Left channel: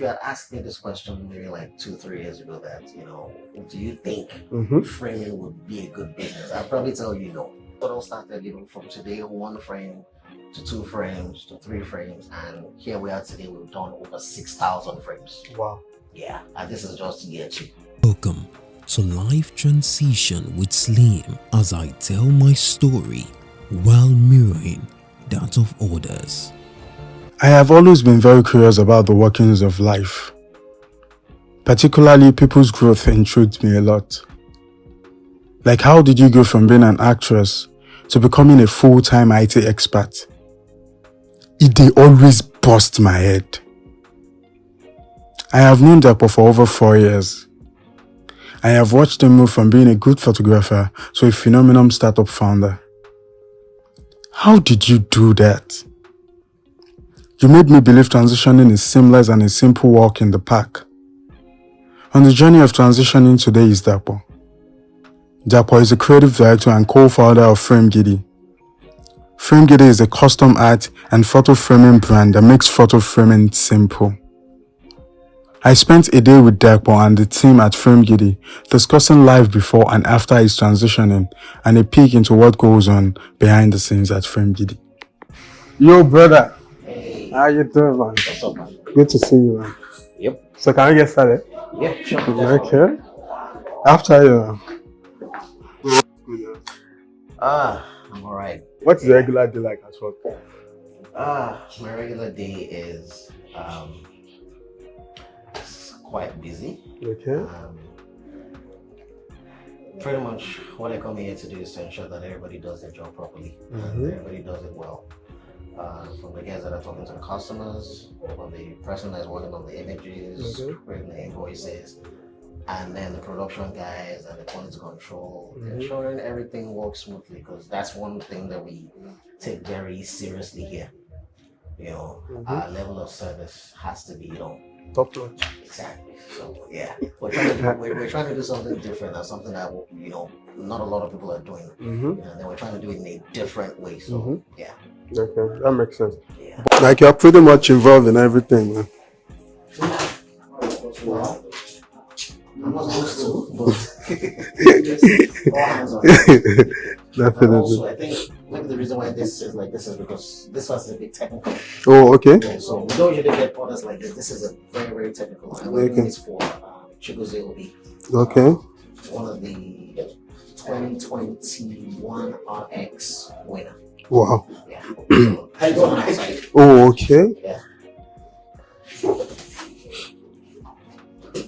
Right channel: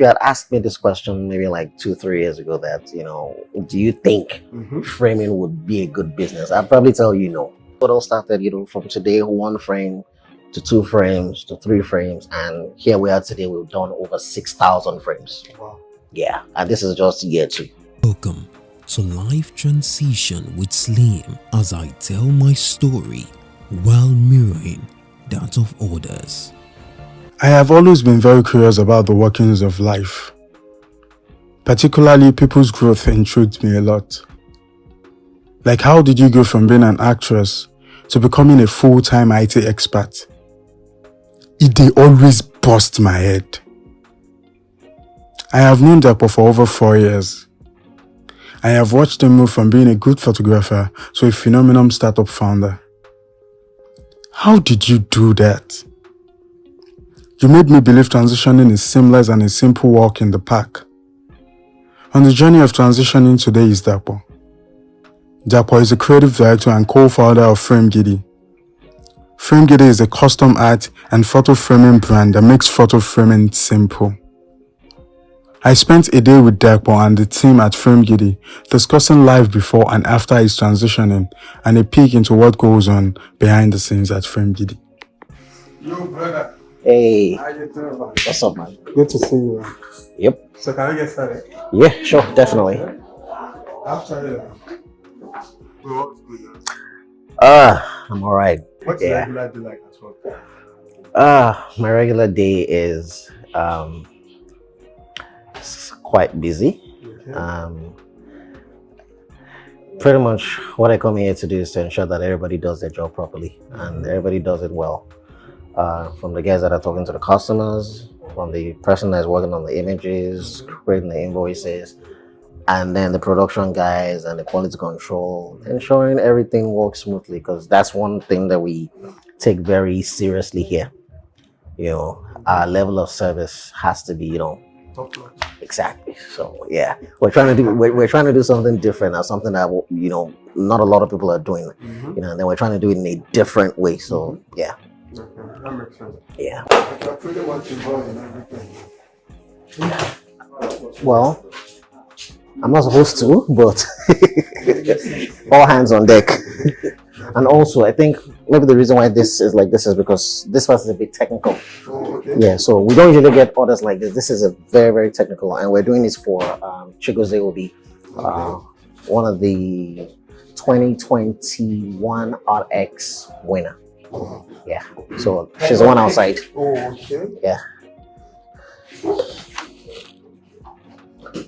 you had asked me this question maybe like 2, 3 years ago, that do you think framing would be a good business? I'd probably tell you no. It all started, from today, 1 frame to 2 frames to 3 frames, and here we are today. We've done over 6,000 frames. Wow. Yeah, and this is just year 2. Welcome to Life Transition with Slim, as I tell my story while mirroring that of others. I have always been very curious about the workings of life. Particularly, people's growth intrigued me a lot. Like, how did you go from being an actress to becoming a full-time IT expert? They always bust my head. I have known Dapo for over 4 years. I have watched him move from being a good photographer to a phenomenal startup founder. How did you do that? You made me believe transitioning is seamless and a simple walk in the park. On the journey of transitioning, today is Dapo. Dapo is a creative director and co-founder of Frame Giddy. Frame Giddy is a custom art and photo framing brand that makes photo framing simple. I spent a day with Dapo and the team at Frame Giddy discussing life before and after his transitioning and a peek into what goes on behind the scenes at Frame Giddy. Yo, brother. Hey. How you doing, man? What's up, man? Good to see you, man. Yep. So can I get started? Yeah, sure, definitely. Okay. After you. I'm all right. What's the regular day like at work? My regular day is quite busy. Okay. Pretty much what I come here to do is to ensure that everybody does their job properly and everybody does it well. From the guys that are talking to the customers, from the person that's working on the images, creating the invoices, and then the production guys and the quality control, ensuring everything works smoothly, because that's one thing that we take very seriously here. Our level of service has to be, Top notch. exactly. So yeah, we're trying to do something different, or something that not a lot of people are doing. And then we're trying to do it in a different way. So yeah. Okay, that makes sense. Yeah. Like, you're pretty much involved in everything, man. Well, I'm not supposed to, but all hands on deck. And also, I think maybe the reason why this is like this is because this was a bit technical. Oh, okay. Yeah, so we don't usually get orders like this. This is a very, very technical, and we're doing this for Chigoze Obi. Okay. One of the 2021 RX winner. Wow. Yeah. So she's the one outside. Oh, okay. Yeah.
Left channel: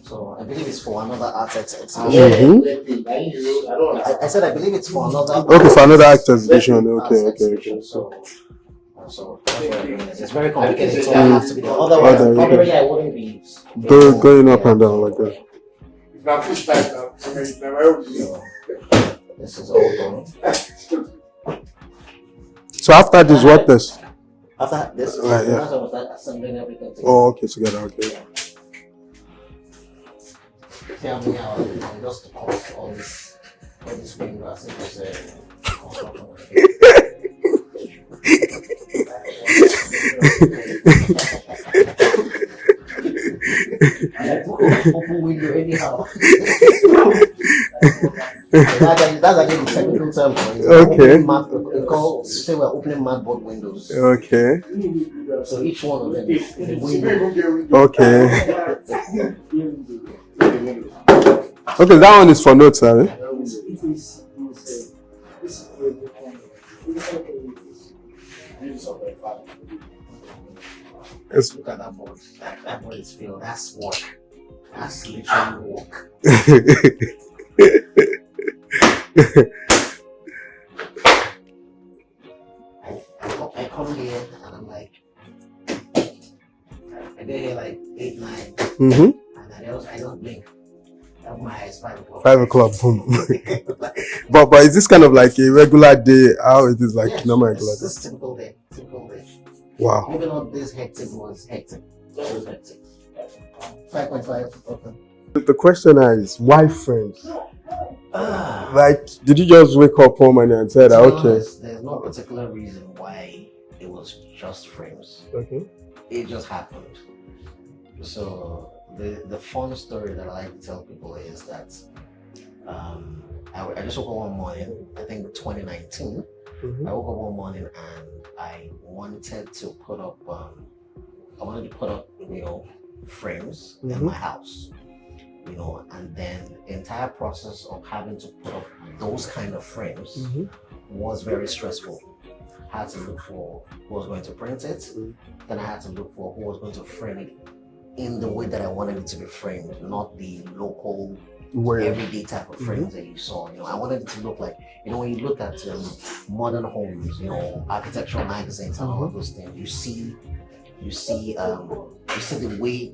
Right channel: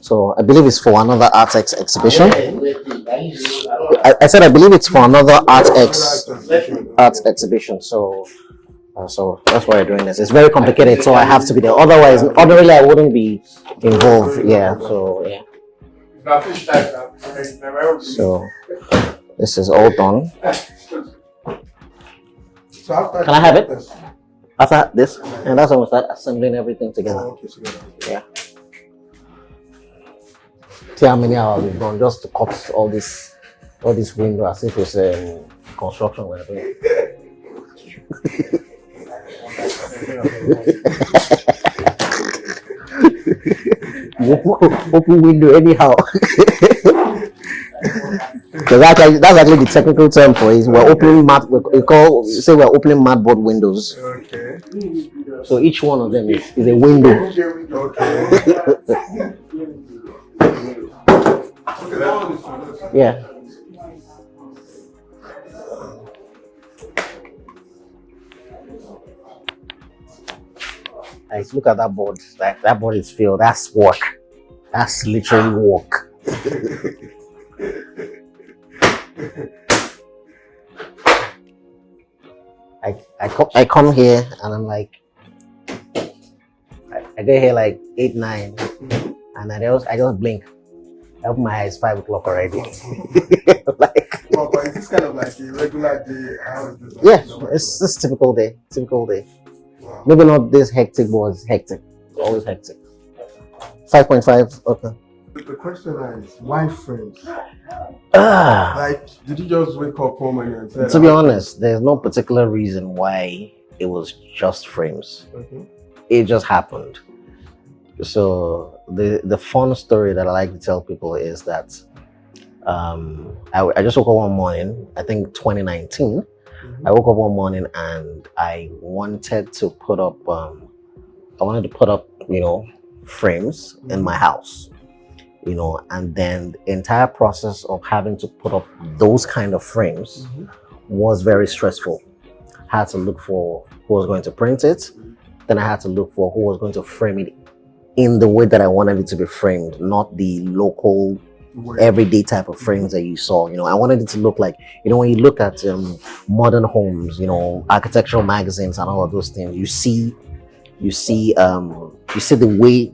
So I believe it's for another ArtX exhibition. I said I believe it's for another ArtX exhibition. Exhibition. So that's why we're doing this. It's very complicated, so I have to be there. Otherwise, ordinarily I wouldn't be involved. So this is all done. So after this, what this? After this, Right, and that's when we start assembling everything together. Oh, okay, together. Okay. Yeah. See how many hours we've done just to cut all this window as if it's construction we're doing. Open window anyhow. That's actually the technical term for it. We're opening we're opening matboard windows. Okay. So each one of them is a window. Okay. Okay, that one is for notes, huh? Yeah. Let's look at that board. That board is filled. That's work. That's literally work. I come here and I'm like, I get here like 8, 9, and I just blink. I open my eyes 5 o'clock. 5 o'clock. Boom. But is this kind of like a regular day? How it is like? Yeah, it's just typical day. Wow. Maybe not this hectic, but it's hectic. It's always hectic. 5.5. Okay. The question is, why frames? Like, did you just wake up home and said? To be honest, there's no particular reason why it was just frames. Okay. It just happened. So the fun story that I like to tell people is that I just woke up one morning, I think 2019. Mhm. I woke up one morning and I wanted to put up frames in Mhm. my house, and then the entire process of having to put up those kind of frames Mhm. was very stressful. I had to look for who was going to print it, then I had to look for who was going to frame it in the way that I wanted it to be framed, not the local Where- everyday type of frames that you saw. I wanted it to look like, when you look at modern homes, architectural magazines and all of those things, you see the way,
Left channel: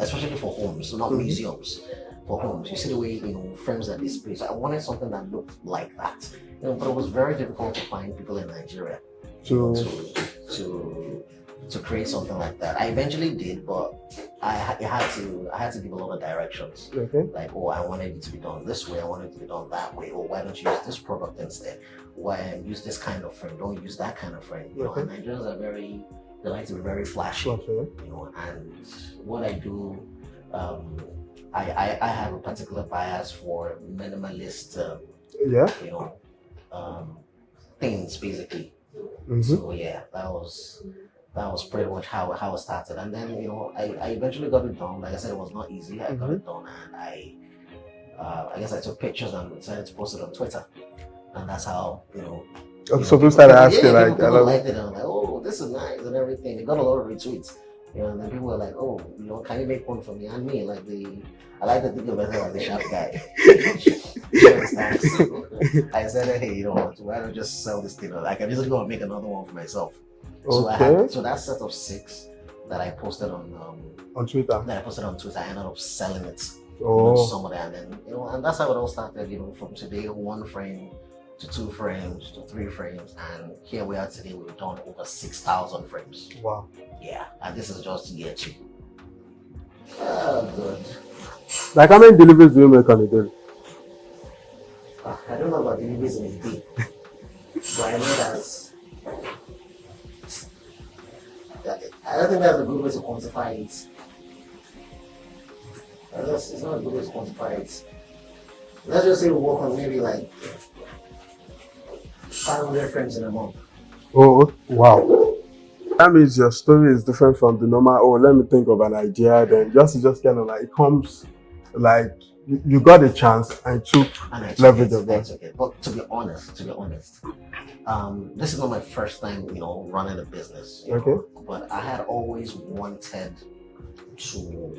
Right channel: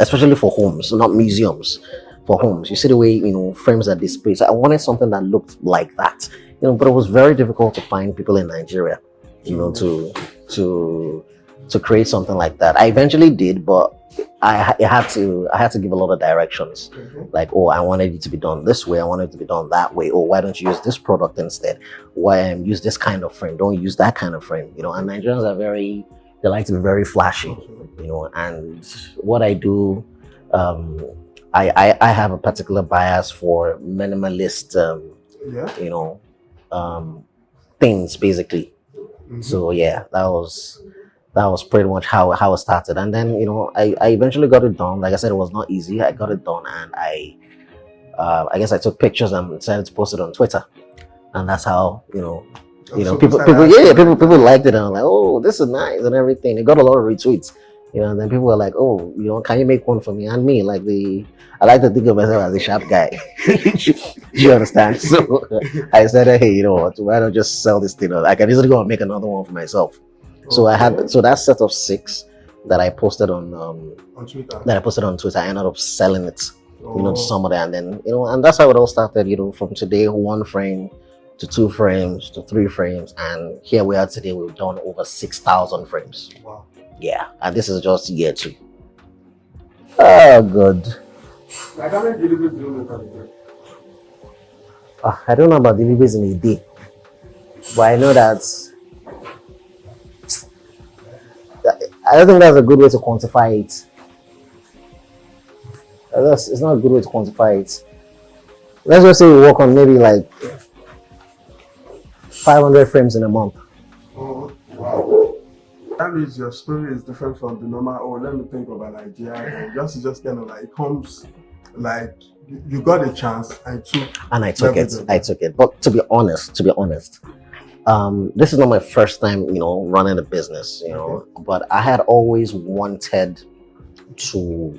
especially for homes, not museums, for homes, you see the way frames are displayed. So I wanted something that looked like that, but it was very difficult to find people in Nigeria, to create something like that. I eventually did, but I had to give a lot of directions. Okay. Like, oh, I wanted it to be done this way, I wanted it to be done that way. Oh, why don't you use this product instead? Why use this kind of frame? Don't use that kind of frame. And Nigerians are they like to be very flashy. Okay. And what I do, I have a particular bias for minimalist, Yeah. things basically. Mhm. So yeah, that was pretty much how it started. And then I eventually got it done. Like I said, it was not easy. I got it done, and I guess I took pictures and decided to post it on Twitter, and that's how So people, started asking, like, people liked it, and I'm like, oh, this is nice and everything. It got a lot of retweets, and then people were like, oh, can you make one for me? And me, I like to think of myself as a sharp guy. Do you understand? So I said, hey, you know what? Why don't just sell this thing? I can easily go and make another one for myself. So I had that set of 6 that I posted on Twitter. I ended up selling it, to somebody, and then and that's how it all started. From today, 1 frame to 2 frames to 3 frames, and here we are today. We've done over 6,000 frames. Wow. Yeah, and this is just year 2. Oh, good. Like, how many deliveries do you make on a day? I don't know about deliveries in a day, but I know that. I don't think that's a good way to quantify it. It's not a good way to quantify it. Let's just say we work on maybe like 500 frames in a month. Oh, wow. That means your story is different from the normal, oh, let me think of an idea, then just kind of like, it comes like, you got a chance and I took it. But to be honest, this is not my first time, running a business, but I had always wanted to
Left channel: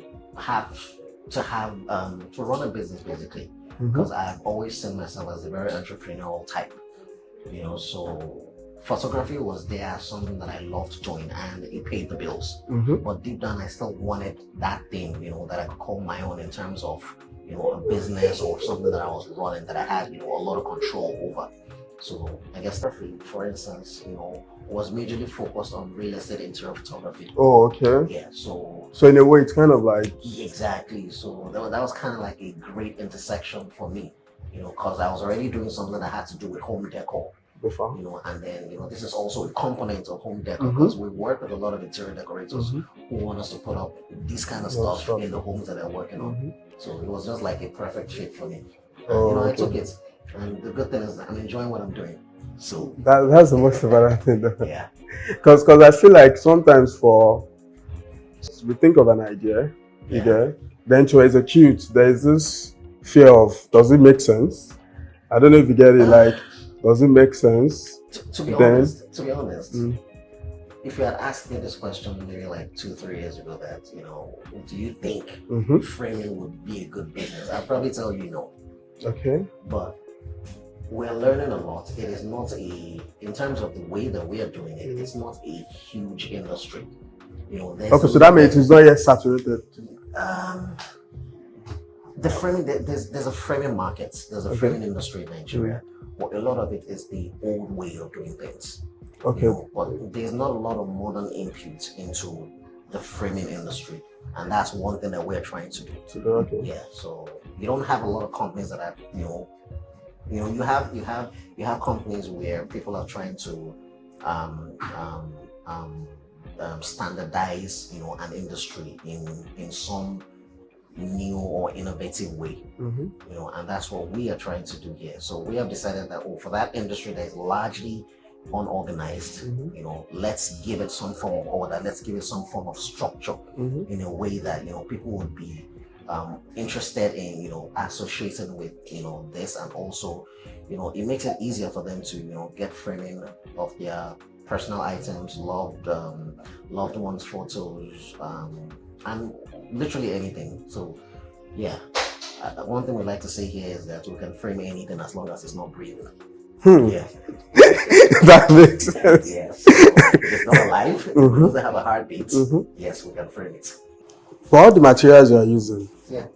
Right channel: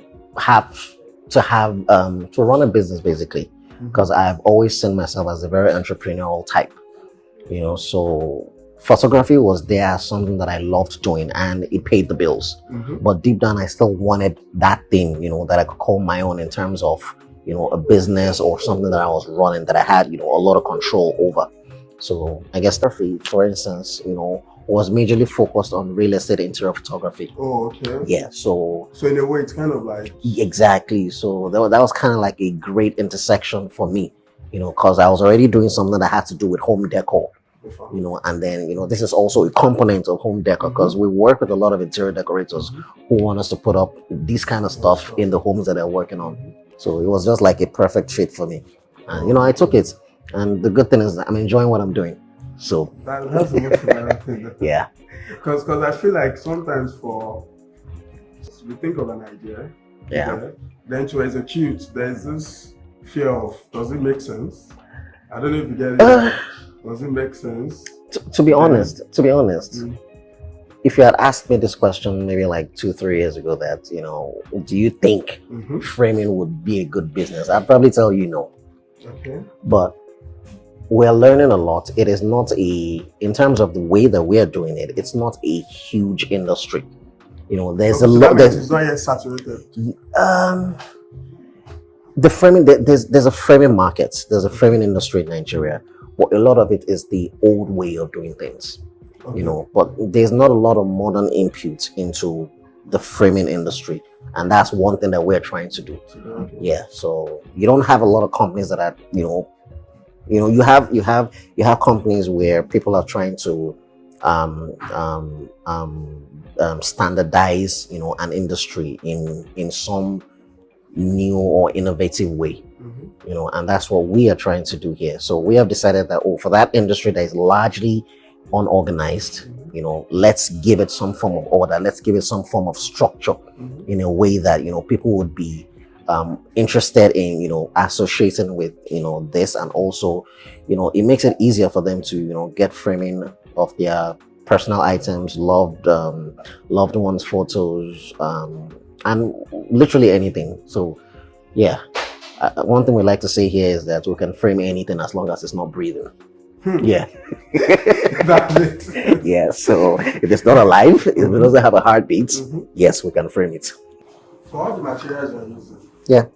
run a business basically, because I've always seen myself as a very entrepreneurial type, so photography was there as something that I loved doing and it paid the bills. But deep down, I still wanted that thing, that I could call my own in terms of, a business or something that I was running that I had, a lot of control over. So I guess photography, for instance, was majorly focused on real estate interior photography. Oh, okay. Yeah, so in a way, it's kind of like... Exactly. So that was kind of like a great intersection for me, because I was already doing something that had to do with home decor. And then this is also a component of home decor, because we work with a lot of interior decorators who want us to put up this kind of stuff in the homes that they're working on. So it was just like a perfect fit for me. And I took it, and the good thing is that I'm enjoying what I'm doing. So that's the most important thing. Yeah, because I feel like sometimes we think of an idea, then to execute, there's this fear of, does it make sense? I don't know if you get it. Like, does it make sense? To be honest, if you had asked me this question maybe like 2-3 years ago, that do you think framing would be a good business, I'd probably tell you no. Okay. But we're learning a lot. It is not in terms of the way that we're doing it, it's not a huge industry. There's a lot. It's not yet saturated. The framing, there's a framing market, there's a framing industry in Nigeria. But a lot of it is the old way of doing things. But there's not a lot of modern input into the framing industry, and that's one thing that we're trying to do. Yeah, so you don't have a lot of companies that are you have companies where people are trying to standardize, an industry in some new or innovative way, and that's what we are trying to do here. So we have decided that, for that industry that is largely unorganized, let's give it some form of order, let's give it some form of structure, in a way that people would be interested in associating with this, and also it makes it easier for them to get framing of their personal items, loved ones photos, and literally anything. So yeah, one thing we like to say here is that we can frame anything as long as it's not breathing. Yeah. That makes sense. Yeah, so if it's not alive, if it doesn't have a heartbeat, yes, we can frame it. For all the materials you are using, Yeah.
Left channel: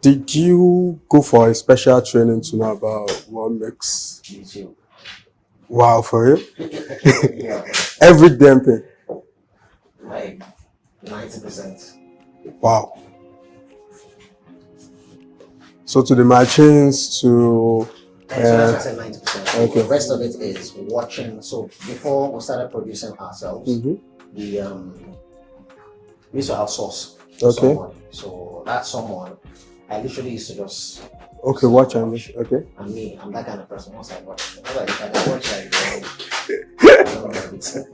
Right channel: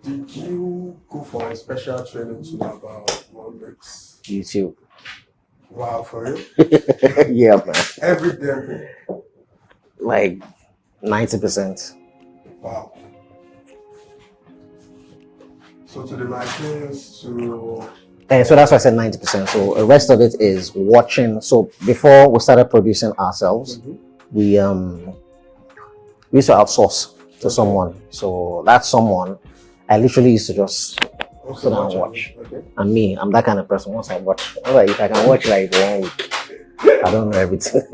did you go for a special training to know about what makes YouTube. wow for you? Yeah, man. Every damn thing. Like 90%. Wow. So to the machines, to And so that's why I said 90%. So the rest of it is watching. So before we started producing ourselves, we used to outsource to someone. So that someone, I literally used to just sit and watch. Okay. And me, I'm that kind of person. Once I watch, if I can watch like 1 week, I don't know everything.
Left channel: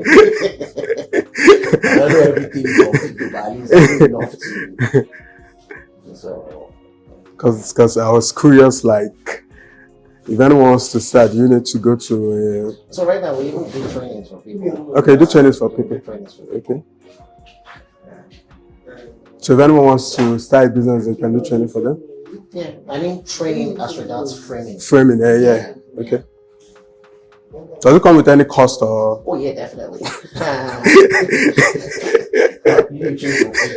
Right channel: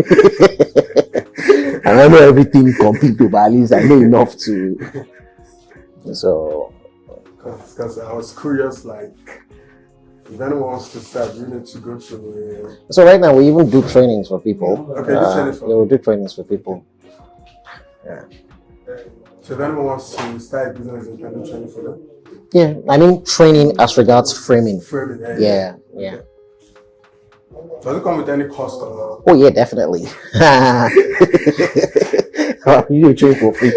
I don't know everything completely, but at least I know enough to. So, because I was curious, like, if anyone wants to start, you need to go to. So right now we even do trainings for people. Okay, do trainings for people. We do trainings for people. Yeah. So if anyone wants to start a business, they can do training for them. Yeah, I mean training as regards framing. Framing, yeah. Okay. Does it come with any cost or? Oh yeah, definitely. You train for free.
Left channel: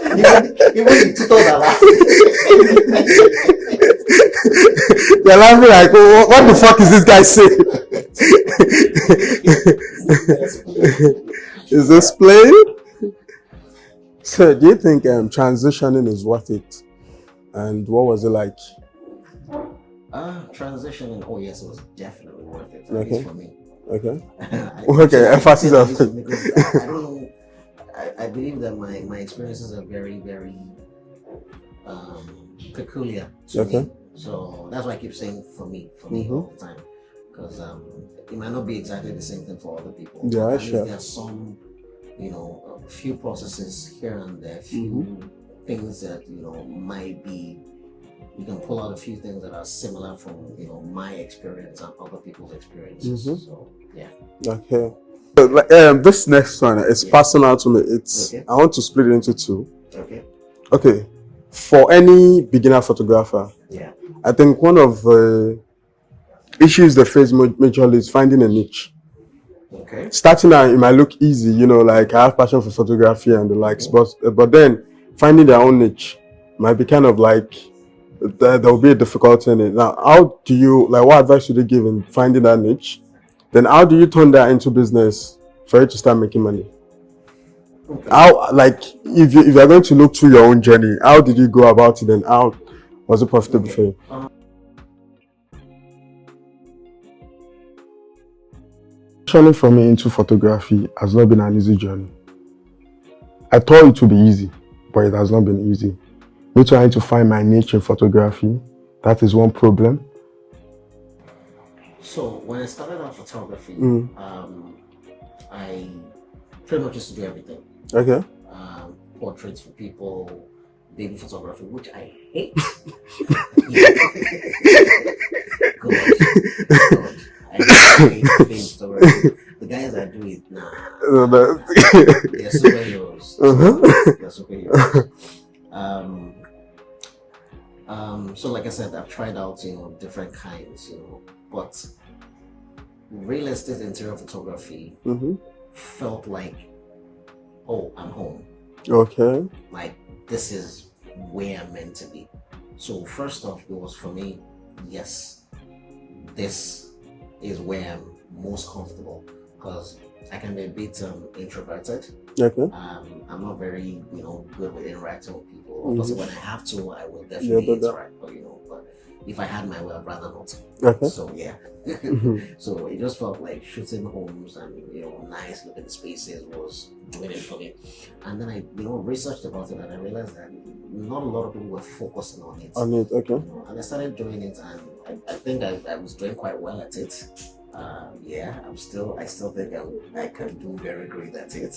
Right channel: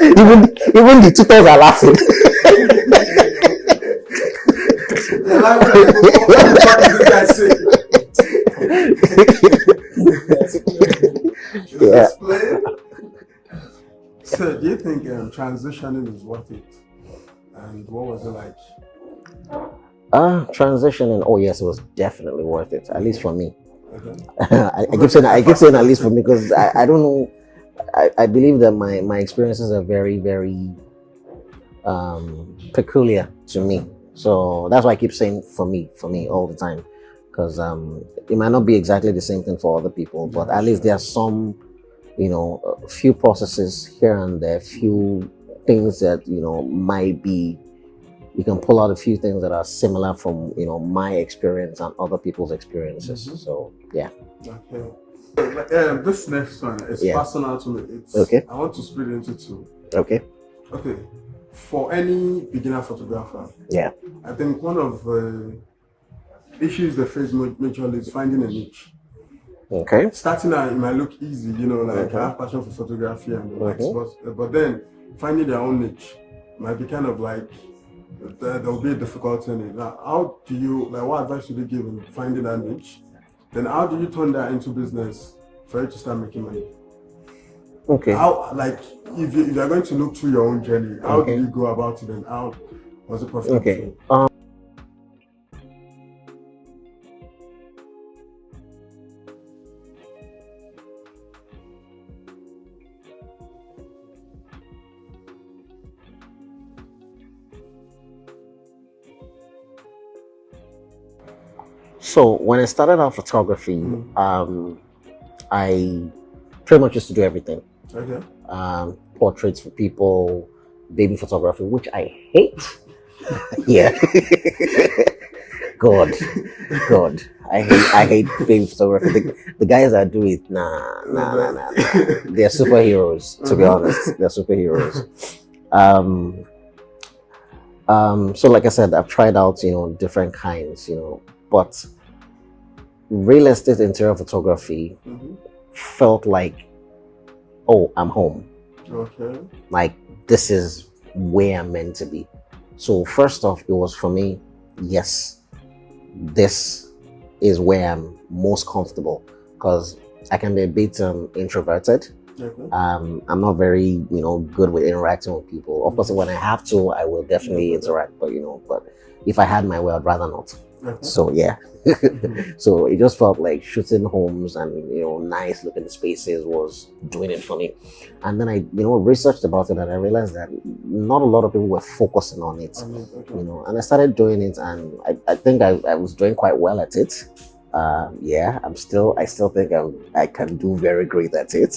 even the tutors are laughing. They're laughing like, oh, what the fuck is this guy saying? Is this playing? So, do you think transitioning is worth it? And what was it like? Transitioning. Oh yes, it was definitely worth it. At least for me. Okay. I keep saying at least for me because I don't know. I believe that my experiences are very, very peculiar to me. So that's why I keep saying for me all the time, because it might not be exactly the same thing for other people, but at least there are some, a few processes here and there, few things that might be. You can pull out a few things that are similar from my experience and other people's experiences. So yeah. Okay. This next one is personal to me. It's I want to split it into two. Okay. Okay. For any beginner photographer, I think one of the issues they face majorly is finding a niche. Okay. Starting out, it might look easy, like I have passion for photography and the likes, but then finding their own niche might be kind of like there will be a difficulty in it. Now, how do you what advice should you give in finding that niche? Then how do you turn that into business for you to start making money? Okay. How, if you're going to look through your own journey, how did you go about it and how was it profitable for you? Transitioning for me into photography has not been an easy journey. I thought it would be easy, but it has not been easy. Me trying to find my niche in photography, that is one problem. So when I started out photography, I pretty much used to do everything. Okay. Portraits for people, baby photography, which I hate. God, I hate baby photography. The guys that do it, they're superheroes. To be honest, they're superheroes. So like I said, I've tried out, different kinds, but real estate interior photography felt like, oh, I'm home. Okay. Like, this is where I'm meant to be. So first off, it was for me, yes, this is where I'm most comfortable, because I can be a bit introverted. Okay. I'm not very, good with interacting with people. Of course, when I have to, I will definitely interact. But if I had my way, I'd rather not. Okay. So yeah. So it just felt like shooting homes and nice looking spaces was doing it for me. And then I researched about it and I realized that not a lot of people were focusing on it. Okay. And I started doing it and I think I was doing quite well at it. I still think I can do very great at it.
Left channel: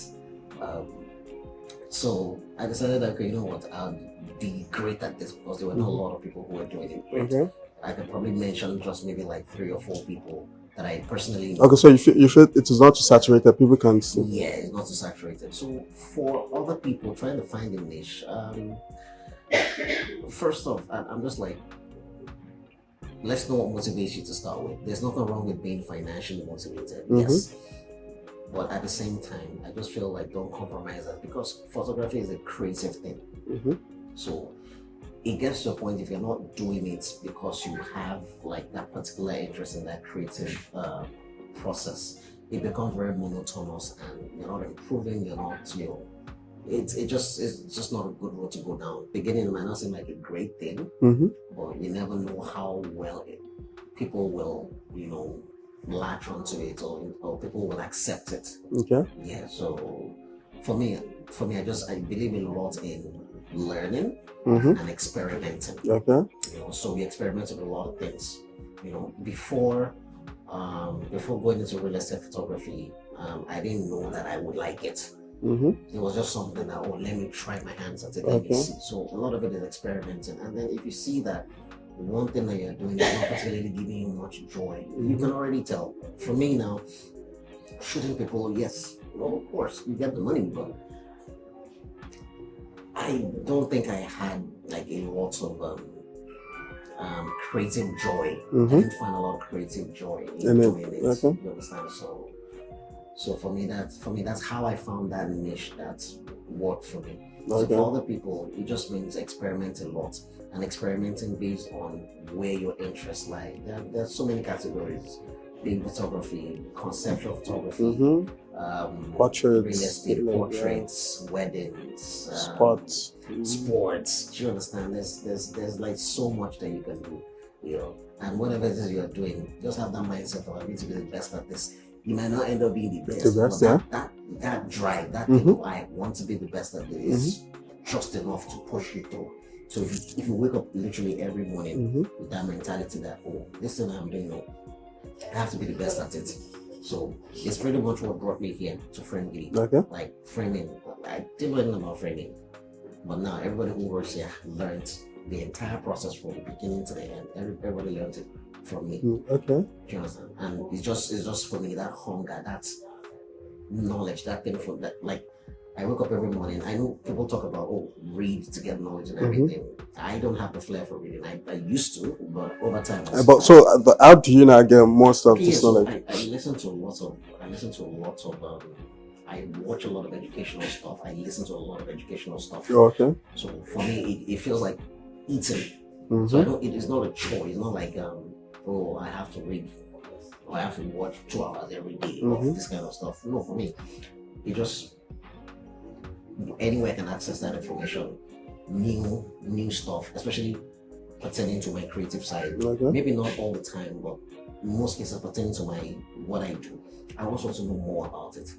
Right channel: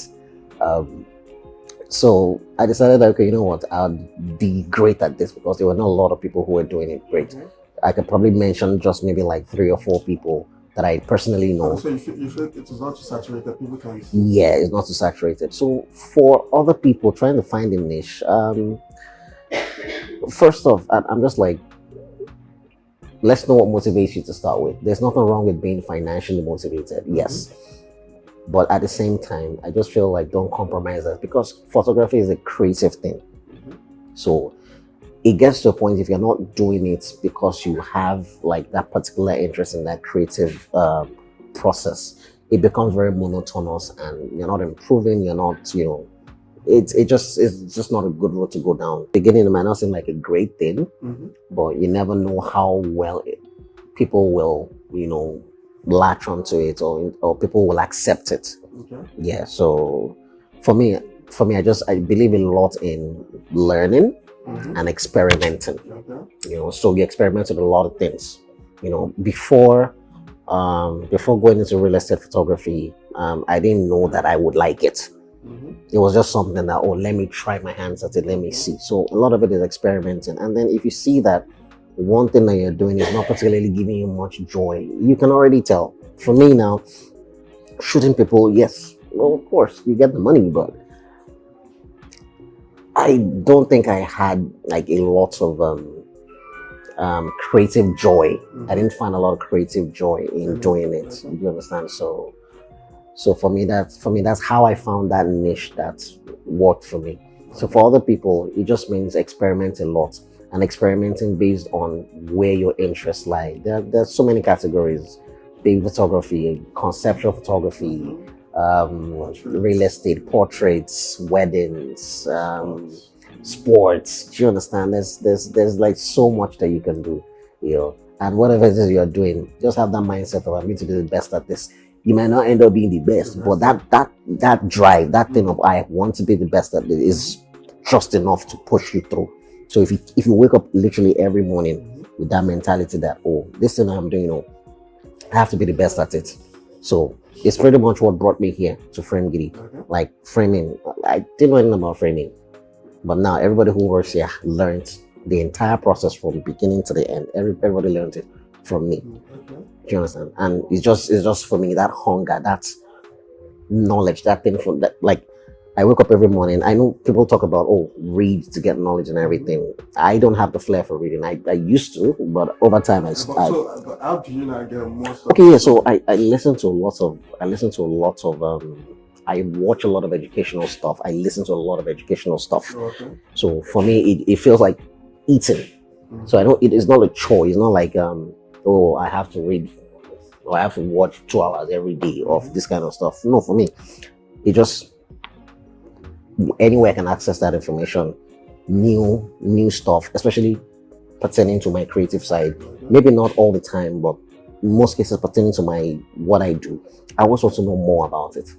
So I decided that, okay, you know what, I'll be great at this because there were not a lot of people who were doing it great. Okay. I could probably mention just maybe like 3 or 4 people that I personally know. Okay, so you feel it is not too saturated, people can see. Yeah, it's not too saturated. So for other people trying to find a niche, first off, I'm just like, let's know what motivates you to start with. There's nothing wrong with being financially motivated, yes. But at the same time, I just feel like don't compromise that because photography is a creative thing. So it gets to a point if you're not doing it because you have like that particular interest in that creative process, it becomes very monotonous and you're not improving, you're not, it's just not a good road to go down. Beginning, it might not seem like a great thing, but you never know how well people will, latch onto it or people will accept it. Okay. Yeah. So for me, I believe a lot in learning and experimenting. Okay. So we experiment with a lot of things. Before going into real estate photography, I didn't know that I would like it. It was just something that, let me try my hands at it, let me see. So a lot of it is experimenting. And then if you see that one thing that you're doing is not particularly giving you much joy, you can already tell. For me now, shooting people, yes, well, of course, you get the money, but I don't think I had like a lot of creative joy. I didn't find a lot of creative joy in doing it. You understand? So for me, that's how I found that niche that worked for me. So for other people, it just means experiment a lot and experimenting based on where your interests lie. There's so many categories: baby photography, conceptual photography, real estate, portraits, weddings, sports. Do you understand? There's like so much that you can do, and whatever it is you're doing, just have that mindset of I'm going to be the best at this. You might not end up being the best, but that drive, that thing of I want to be the best at it is just enough to push you through. So if you wake up literally every morning with that mentality that this thing I'm doing, I have to be the best at it. So it's pretty much what brought me here to Frame Giddy. Like framing, I didn't know anything about framing, but now everybody who works here learned the entire process from beginning to the end. Everybody learned it from me. Do you understand? And it's just for me that hunger, that knowledge, that thing from that. Like I wake up every morning. I know people talk about read to get knowledge and everything. I don't have the flair for reading. I used to, but over time But how do you now get more stuff? Okay, yeah. So I listen to a lot of I watch a lot of educational stuff. I listen to a lot of educational stuff. So for me, it feels like eating. So I don't. It is not a chore. It's not like I have to read or I have to watch 2 hours every day of this kind of stuff. No, for me, it just anywhere I can access that information, new stuff, especially pertaining to my creative side. Maybe not all the time, but in most cases pertaining to what I do. I always want to know more about it.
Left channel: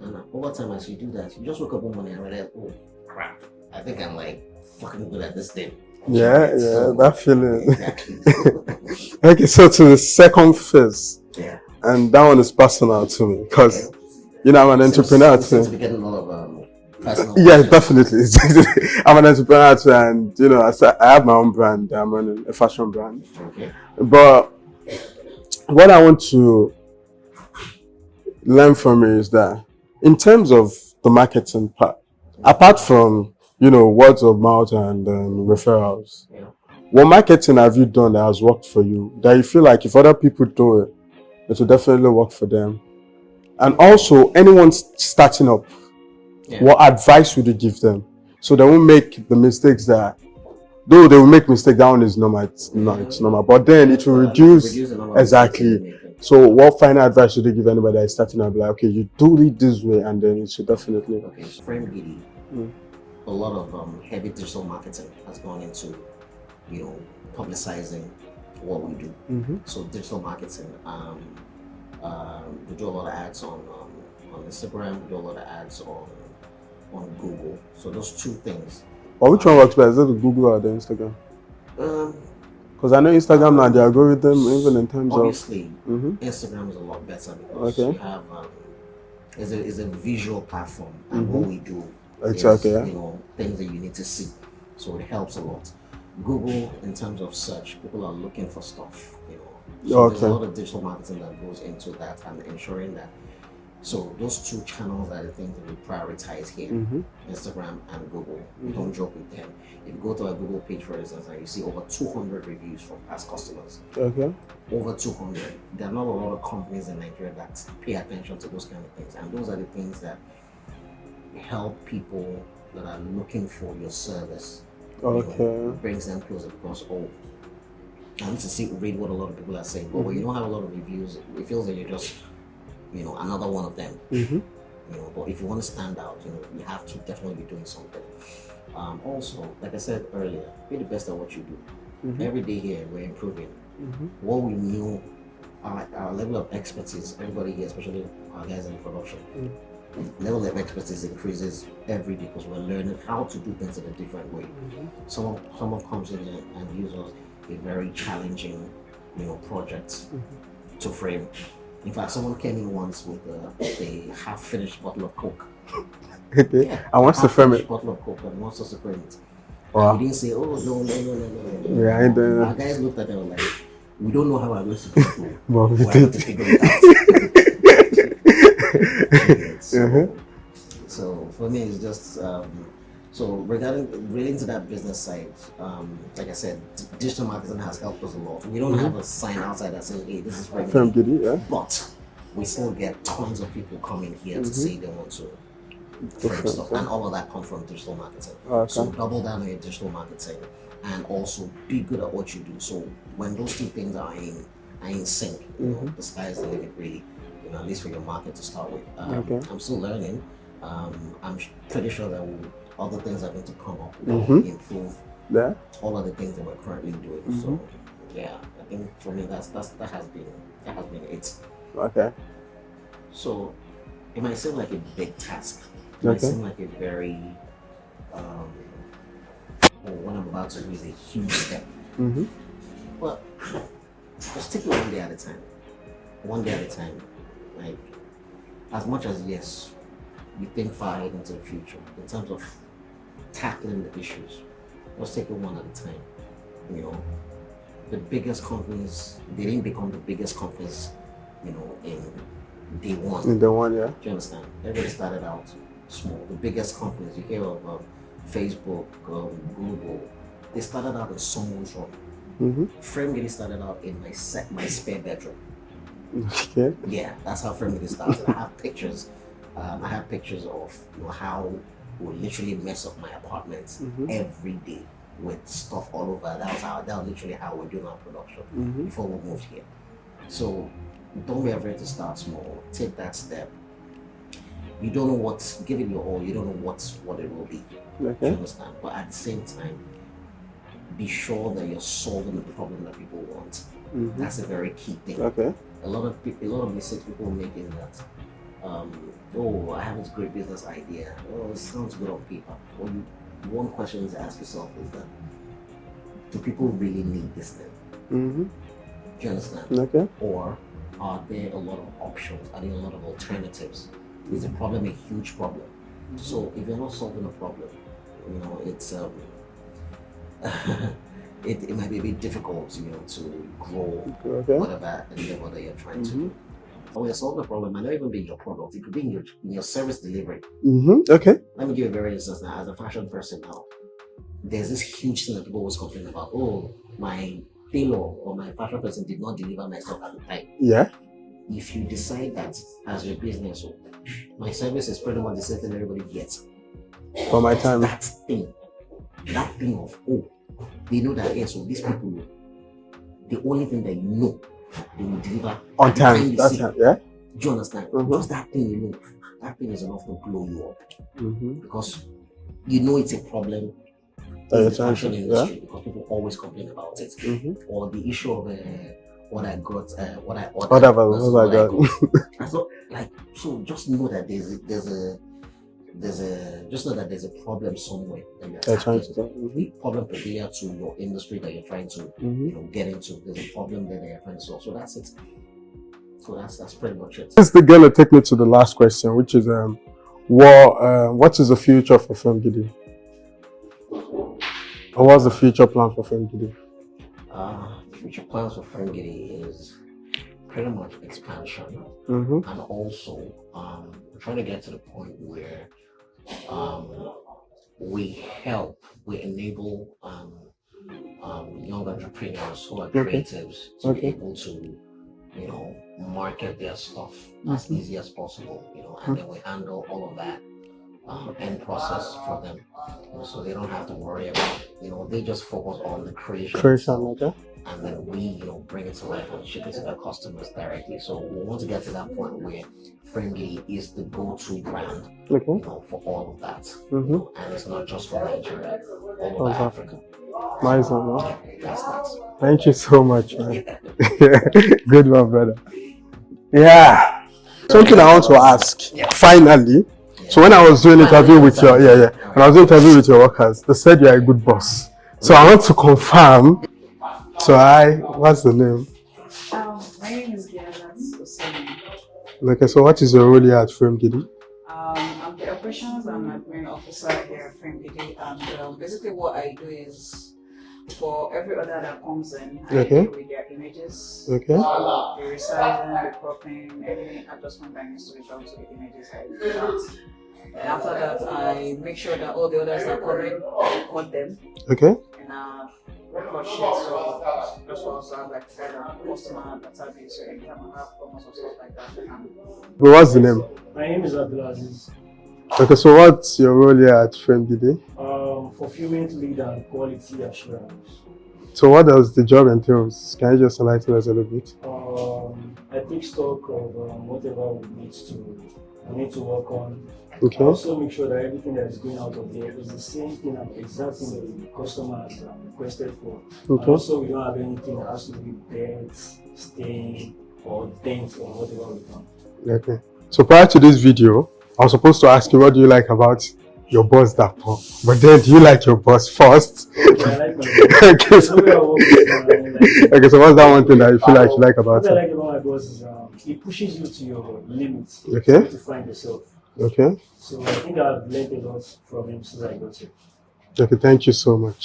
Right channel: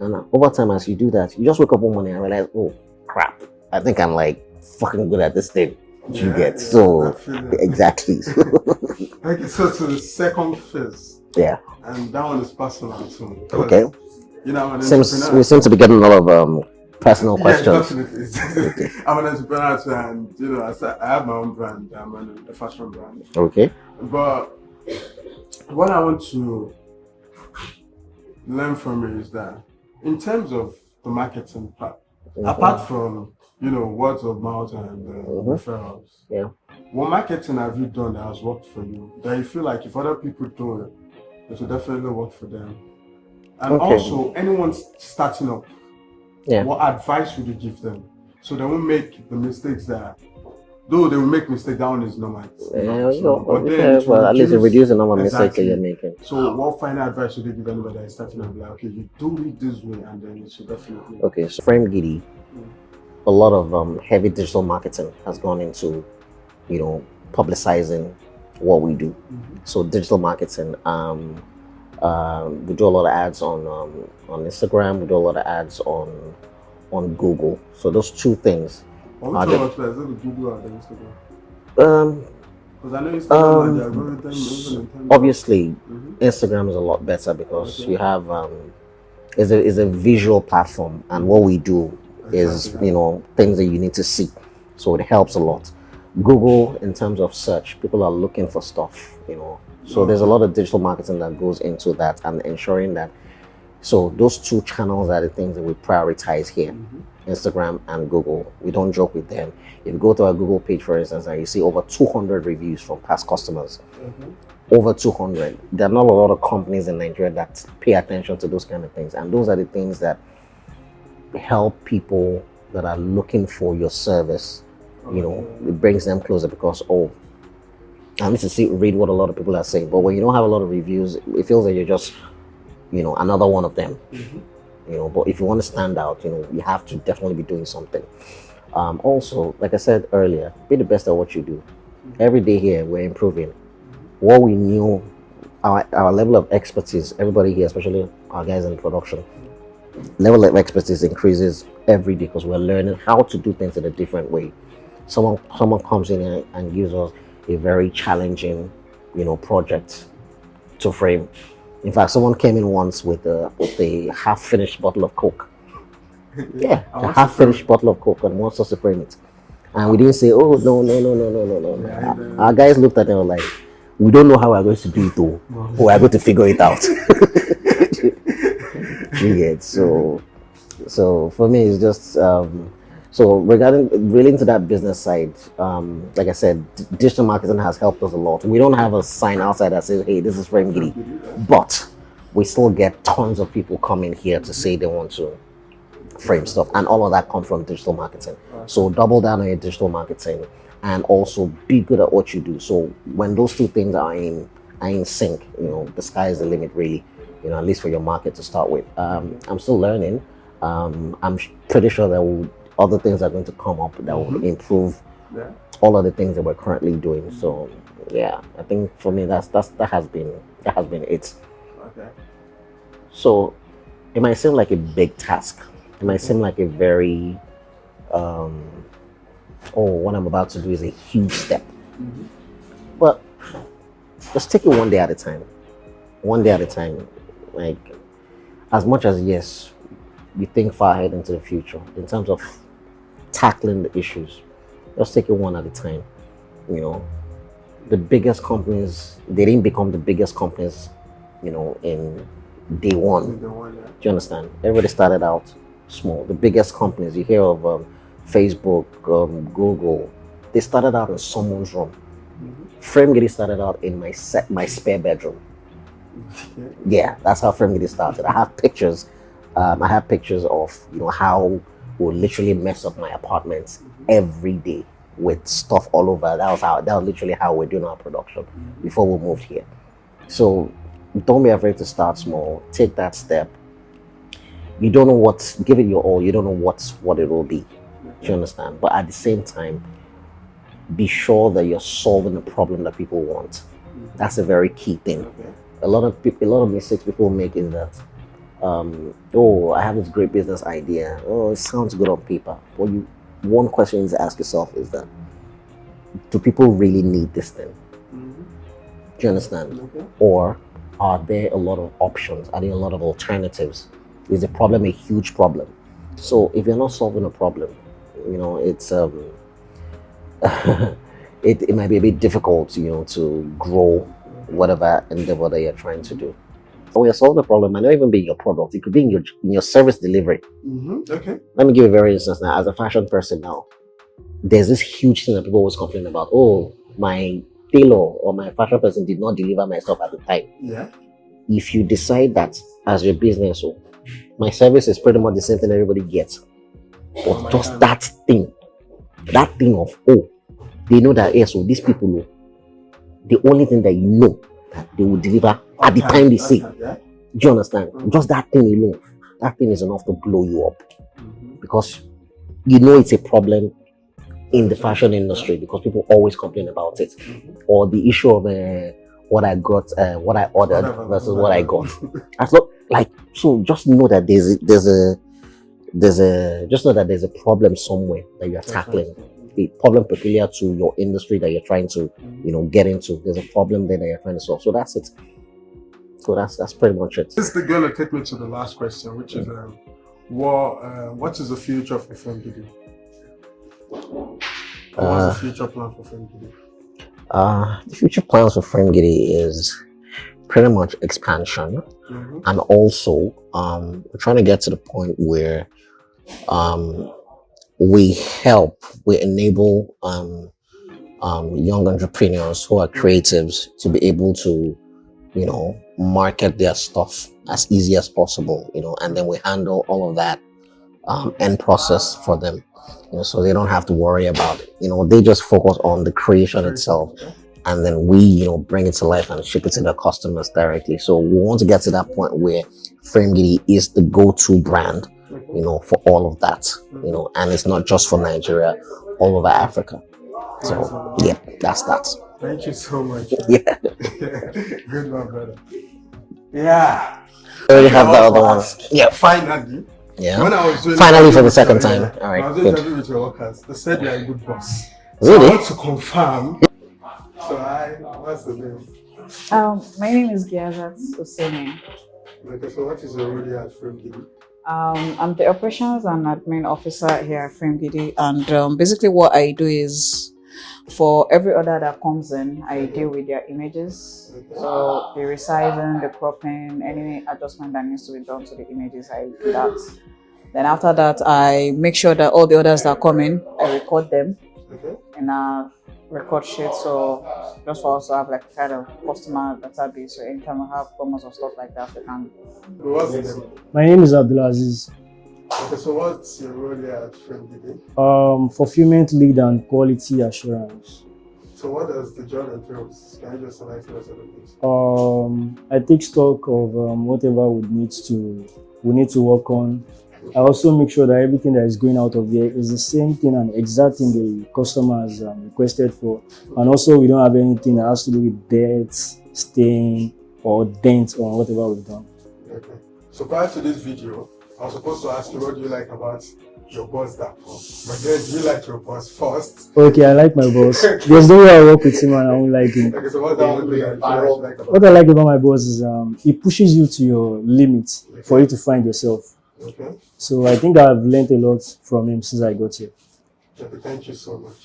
And over time, as you do that, you just wake up one morning and realize, crap, I think I'm like fucking good at this thing. So that feeling. Exactly. Okay, so to the second phase. Yeah. And that one is personal to me because I'm an entrepreneur. You seem to be getting a lot of personal questions. Yeah, definitely. I'm an entrepreneur too, and I have my own brand. I'm running a fashion brand. Okay. But what I want to learn from you is that in terms of the marketing part, apart from words of mouth and referrals, what marketing have you done that has worked for you that you feel like if other people do it, it will definitely work for them? And also, anyone starting up, what advice would you give them so they won't make the mistakes that Though they will make mistake, that one is normal. It's normal. But then it will reduce the number of mistakes that you're making. So what final advice should they give anybody that is starting out? Like, okay, you do it this way, and then it should definitely. Okay, so Frame Giddy, a lot of heavy digital marketing has gone into, publicizing what we do. So digital marketing, we do a lot of ads on Instagram. We do a lot of ads on Google. So those two things. Or which one works better? Is it the Google or the Instagram? Because I know Instagram now, the algorithm, even in terms obviously, Instagram is a lot better because you have is a visual platform, and what we do is things that you need to see, so it helps a lot. Google, in terms of search, people are looking for stuff, so there's a lot of digital marketing that goes into that, and ensuring that. So those two channels are the things that we prioritize here, Instagram and Google. We don't joke with them. If you go to our Google page, for instance, and you see over 200 reviews from past customers, over 200. There are not a lot of companies in Nigeria that pay attention to those kind of things. And those are the things that help people that are looking for your service. It brings them closer because, I need to read what a lot of people are saying. But when you don't have a lot of reviews, it feels like you're just another one of them. But if you want to stand out, you have to definitely be doing something. Also, like I said earlier, be the best at what you do. Every day here, we're improving. What we knew, our level of expertise, everybody here, especially our guys in production, level of expertise increases every day because we're learning how to do things in a different way. Someone comes in and gives us a very challenging, project to frame. In fact, someone came in once with a half-finished bottle of Coke. Yeah, a half-finished bottle of Coke and wants us to frame it. And we didn't say, oh, no. Yeah, our guys looked at it and were like, we don't know how we're going to do it though. We're going to figure it out. So for me, it's just, so relating to that business side, like I said, digital marketing has helped us a lot. We don't have a sign outside that says, hey, this is Frame Giddy, but we still get tons of people coming here to say they want to frame stuff, and all of that comes from digital marketing. So double down on your digital marketing and also be good at what you do. So when those two things are in sync, the sky is the limit really, at least for your market to start with. I'm still learning. I'm pretty sure that other things are going to come up that will improve all of the things that we're currently doing. So yeah, I think for me that has been it. Okay. So it might seem like a big task. It might seem like a very what I'm about to do is a huge step. But just take it one day at a time. One day at a time. Like, as much as yes, you think far ahead into the future in terms of tackling the issues, just take it one at a time. The biggest companies, they didn't become the biggest companies, in day one. In day one, yeah. Do you understand? Everybody started out small. The biggest companies, you hear of Facebook, Google, they started out in someone's room. Frame Giddy started out in my spare bedroom. Okay. Yeah, that's how Frame Giddy started. I have pictures. I have pictures of how we literally mess up my apartment every day with stuff all over. That was literally how we're doing our production before we moved here. So don't be afraid to start small. Take that step. You don't know give it your all. You don't know what it will be. Do you understand? But at the same time, be sure that you're solving the problem that people want. That's a very key thing. Okay. A lot of mistakes people make is that, I have this great business idea. Oh, it sounds good on paper. One question you need to ask yourself is that, do people really need this thing? Do you understand? Okay. Or are there a lot of options? Are there a lot of alternatives? Is the problem a huge problem? So if you're not solving a problem, it's it might be a bit difficult, to grow whatever endeavor that you're trying to do. When you're solving a problem, might not even be your product. It could be in your service delivery. Okay. Let me give you a very instance now. As a fashion person now, there's this huge thing that people always complain about. Oh, my tailor or my fashion person did not deliver my stuff at the time. Yeah. If you decide that as your business, my service is pretty much the same thing everybody gets. But just that thing of, they know that yes, so these people know the only thing that you know they will deliver at the time they say. Yeah? Do you understand? Just that thing alone, that thing is enough to blow you up because you know it's a problem in the fashion industry because people always complain about it, or the issue of what I got, what I ordered versus what I got. That's not like so. Just know that just know that there's a problem somewhere that you're tackling. The problem peculiar to your industry that you're trying to get into. There's a problem there that you're trying to solve. So that's it. So that's pretty much it. This is going to take me to the last question, which is what is the future for Fem Gidi? Or what's the future plan for Fem Gidi? The future plans for Fem Gidi is pretty much expansion, and also we're trying to get to the point where we enable young entrepreneurs who are creatives to be able to market their stuff as easy as possible, and then we handle all of that end process for them, so they don't have to worry about it. They just focus on the creation itself, and then we bring it to life and ship it to the customers directly. So we want to get to that point where Fem Gidi is the go-to brand, for all of that, and it's not just for Nigeria, all over Africa. So, yeah, that's that. Thank you so much. Yeah. Good one, brother. Yeah. Something I want to ask. Yeah. Finally. Yeah. So when I was doing interview with when I was doing interview with your workers, they said you're a good boss. So I want to confirm. So what's the name? My name is Giazat Oseni. Okay, so what is your role here at Fem Gidi? I'm the operations and admin officer here at Fem Gidi, and basically what I do is for every order that comes in, I deal with their images. So the resizing, the cropping, any adjustment that needs to be done to the images, I do that. Then after that, I make sure that all the orders that come in, I record them in a record sheet. So just for us to have like kind of customer database. So anytime we have promos or stuff like that, we can. What's the name? My name is Abdulaziz. Okay, so what's your role here at Fem Gidi? Fulfillment lead and quality assurance. So what does the job entails? Can you just enlighten us a little bit? I take stock of whatever we need to work on. I also make sure that everything that is going out of there is the same thing and exact thing the customer has requested for. And also we don't have anything that has to do with debts, stain, or dents on whatever we've done. Okay. So prior to this video, I was supposed to ask you what do you like about your boss, Dapo. But then do you like your boss first? Okay, I like my boss. There's no way I work with him and I won't like him. Okay, so what's that one thing that you feel like you like about What I like about my boss is he pushes you to your limits for you to find yourself. Okay. So I think I've learned a lot from him since I got here. Okay, thank you so much.